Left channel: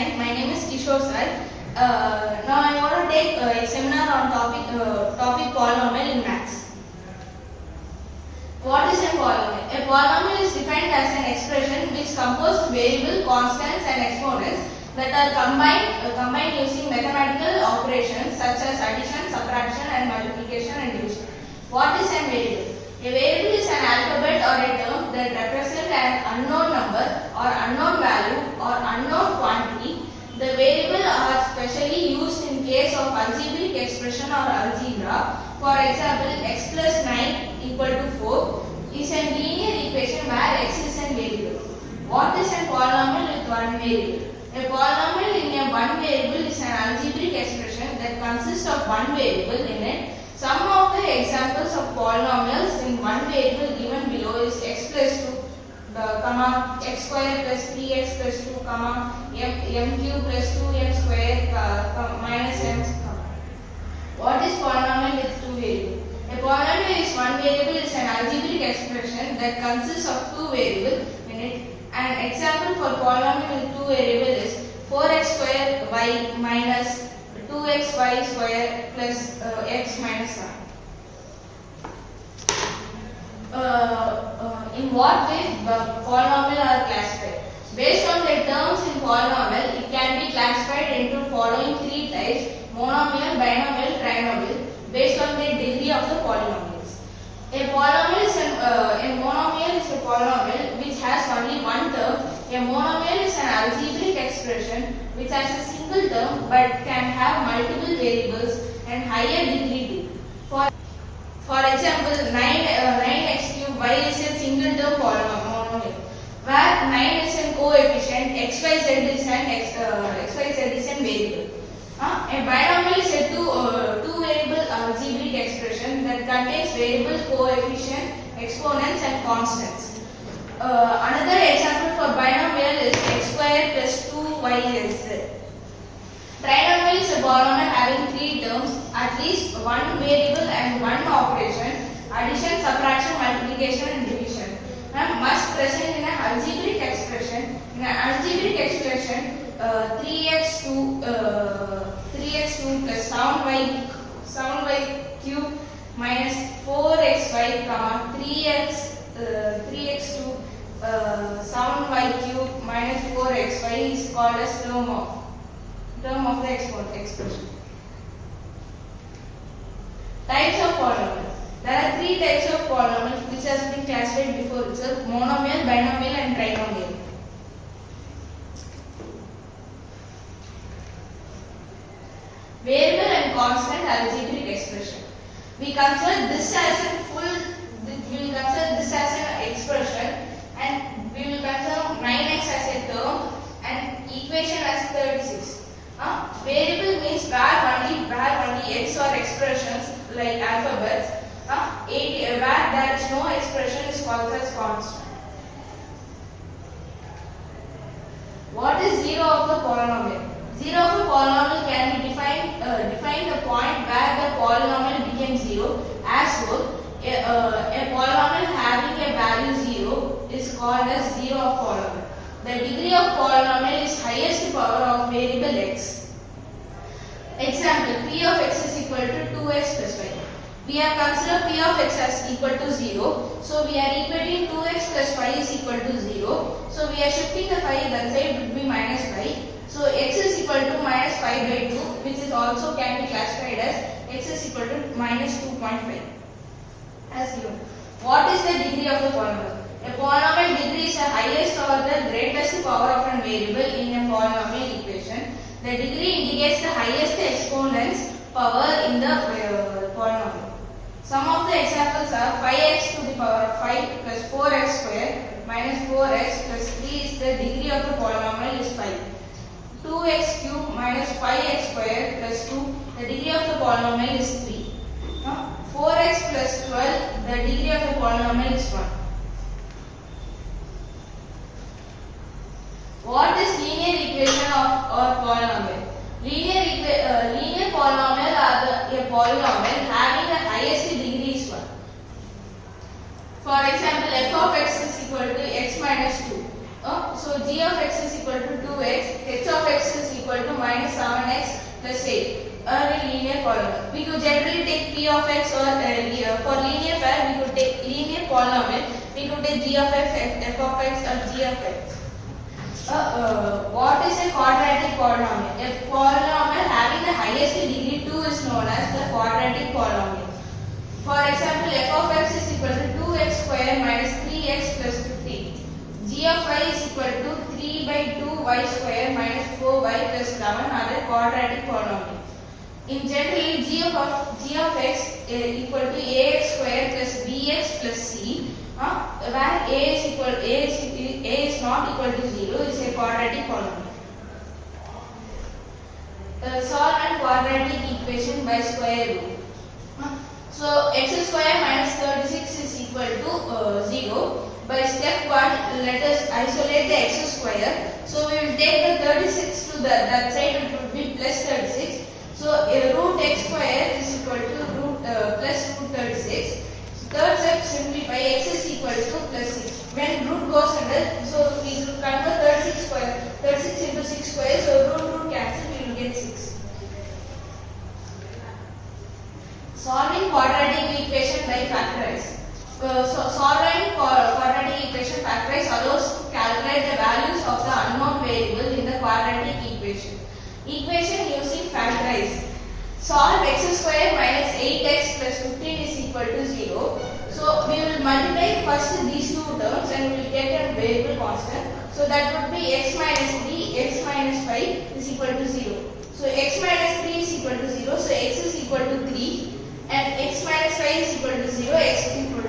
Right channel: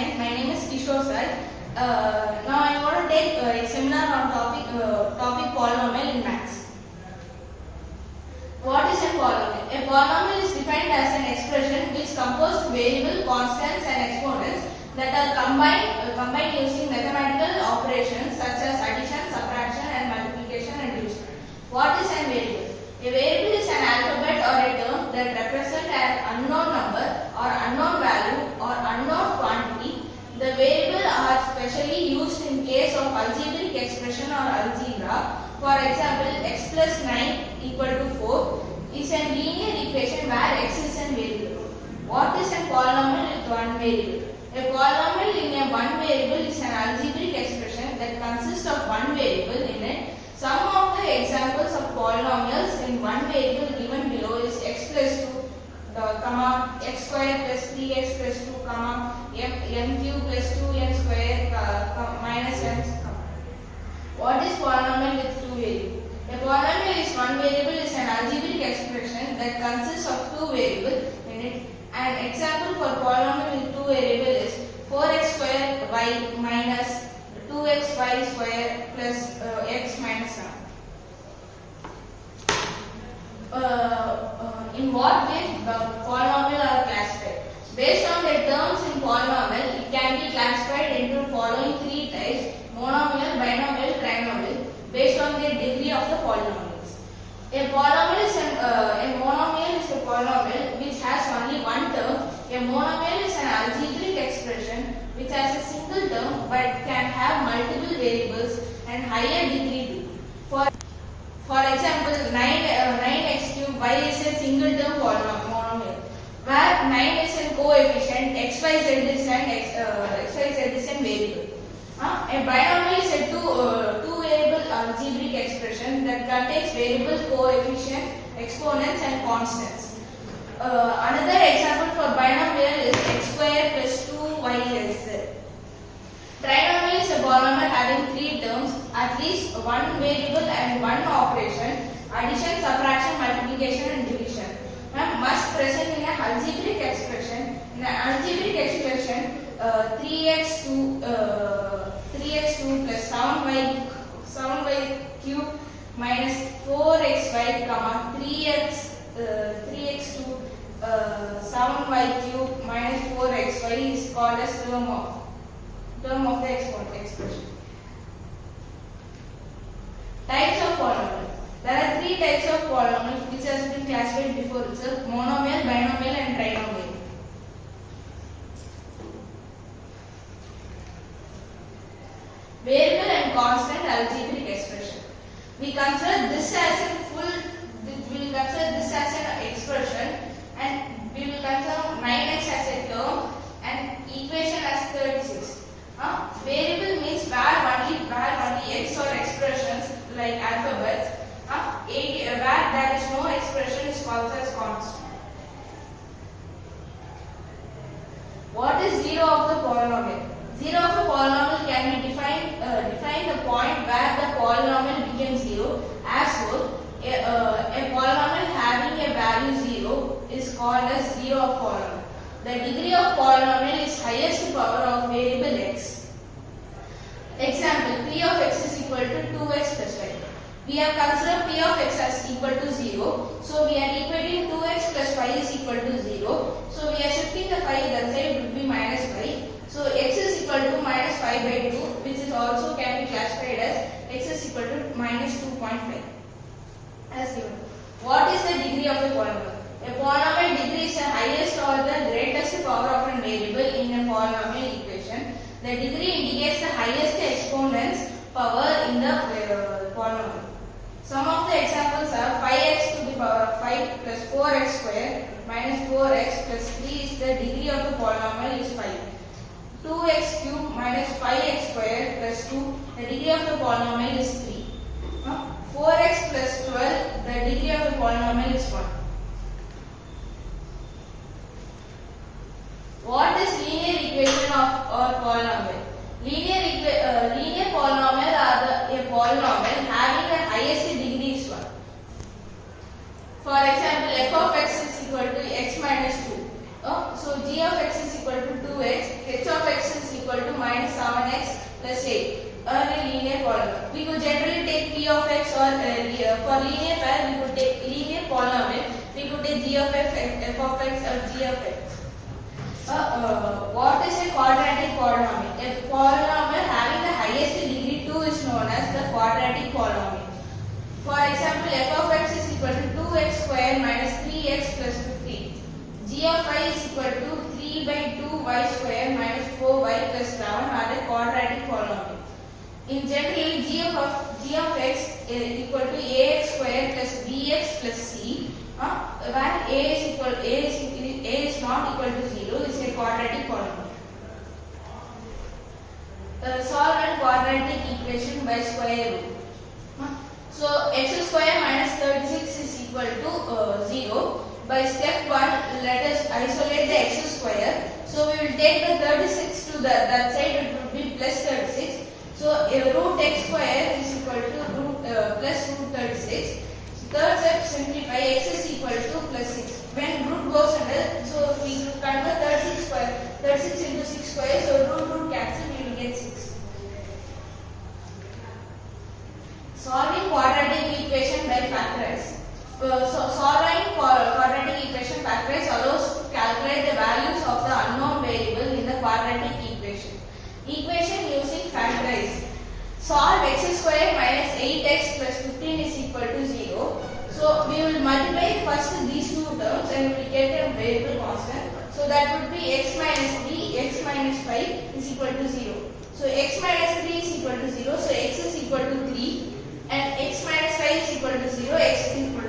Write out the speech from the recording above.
9. My name is Kishore sir. Now I want to take a seminar on topic polynomial in maths. What is a polynomial? A polynomial is defined as an expression which composed variable, constants and exponents that are combined using mathematical operations such as addition, subtraction and multiplication and division. What is a variable? A variable is an alphabet or a term that represents an unknown number or unknown value or unknown quantity. The variable are specially used in case of algebraic expression or algebra. For example, x plus 9 equal to 4 is a linear equation where x is a variable. What is a polynomial with one variable? A polynomial in a one variable is an algebraic expression that consists of one variable in it. Some of the examples of polynomials in one variable given below is x plus 2, x square plus 3x plus 2, m cube plus 2m square minus m. What is polynomial with two variables? A polynomial is one variable is an algebraic expression that consists of two variables in it. An example for polynomial with two variables is 4x square y minus 2xy square plus x minus 7. In what way the polynomial are classified? Based on the terms in polynomial, it can be classified into following three types: monomial, binomial, trinomial, based on the degree of the polynomials. A monomial is a polynomial which has only one term. A monomial is an algebraic expression which has a single term but can have multiple variables and higher degree too. For example, 9x cube y is a single term monomial where 9 is a coefficient, xyz is an variable. A binomial is a two variable algebraic expression that contains variables, coefficient, exponents and constants. Another example for binomial is x square plus 2yz. Trinomial is a polynomial having three terms, at least one variable and one operation: addition, subtraction, multiplication and division. Must present in an algebraic expression. In an algebraic expression, 3x2 plus 7y cube minus 4xy, 3x2 7y cube minus 4xy is called as term of the expression. Types of polynomials. There are three types of polynomials which has been classified before itself: monomial, binomial and trinomial. Variable and constant algebraic expression. We consider this as an expression, and we will consider 9x as a term and equation as 36. Variable means where only x or expressions like alphabets. Where there is no expression is called as constant. What is zero of the polynomial? Zero of a polynomial can be defined the point where the polynomial becomes zero. As well, a polynomial having a value 0 is called as zero of polynomial. The degree of polynomial is highest power of variable x. Example: p of x is equal to 2x plus 5. We have considered p of x as equal to 0. So we are equating 2x plus 5 is equal to 0. So we are shifting the 5 that side, it will be minus 5. So x is equal to minus 5 by 2, which is also can be classified as x is equal to minus 2.5 as given. What is the degree of the polynomial? A polynomial degree is the highest or the greatest power of a variable in a polynomial equation. The degree indicates the highest exponent's power in the polynomial. Some of the examples are 5x to the power of 5 plus 4x square minus 4x plus 3 is the degree of the polynomial is 5. 2x cube minus 5x square plus 2, the degree of the polynomial is 3. 4x plus 12, the degree of the polynomial is 1. What is linear equation or polynomial? Linear polynomial are a polynomial having the highest degree is 1. For example, f of x is equal to x minus 2. So So g of x is equal to 2x, h of x is equal to minus 7x plus 8. A linear polynomial. We could generally take p of x or for linear pair we could take linear polynomial. We could take g of x, f of x or g of x. What is a quadratic polynomial? A polynomial having the highest degree 2 is known as the quadratic polynomial. For example, f of x is equal to 2x square minus 3x plus 15. G of y is equal to 3 by 2y square minus 4y plus 11 are a quadratic polynomial. In general, g of x is equal to ax square plus bx plus c, where a is not equal to 0 is a quadratic polynomial. Solve an quadratic equation by square root. So x square minus 36 is equal to 0. By step 1, let us isolate the x square. So we will take the 36 to that side, it would be plus 36. So root x square is equal to plus root 36. So third step, simplify, x is equal to plus 6. When root goes under, so we will convert 36 into 6 square, so root cancel, we will get 6. Solving quadratic equation by factorize. Solving quadratic equation factorize allows to calculate the values of the unknown variable in the quadratic equation. Equation using factorize. Solve x square minus 8x plus 15 is equal to 0. So we will multiply first these two terms and we will get a variable constant. So that would be x minus 3, x minus 5 is equal to 0. So x minus 3 is equal to 0, so x is equal to 3 and x minus 5 is equal to 0, x is equal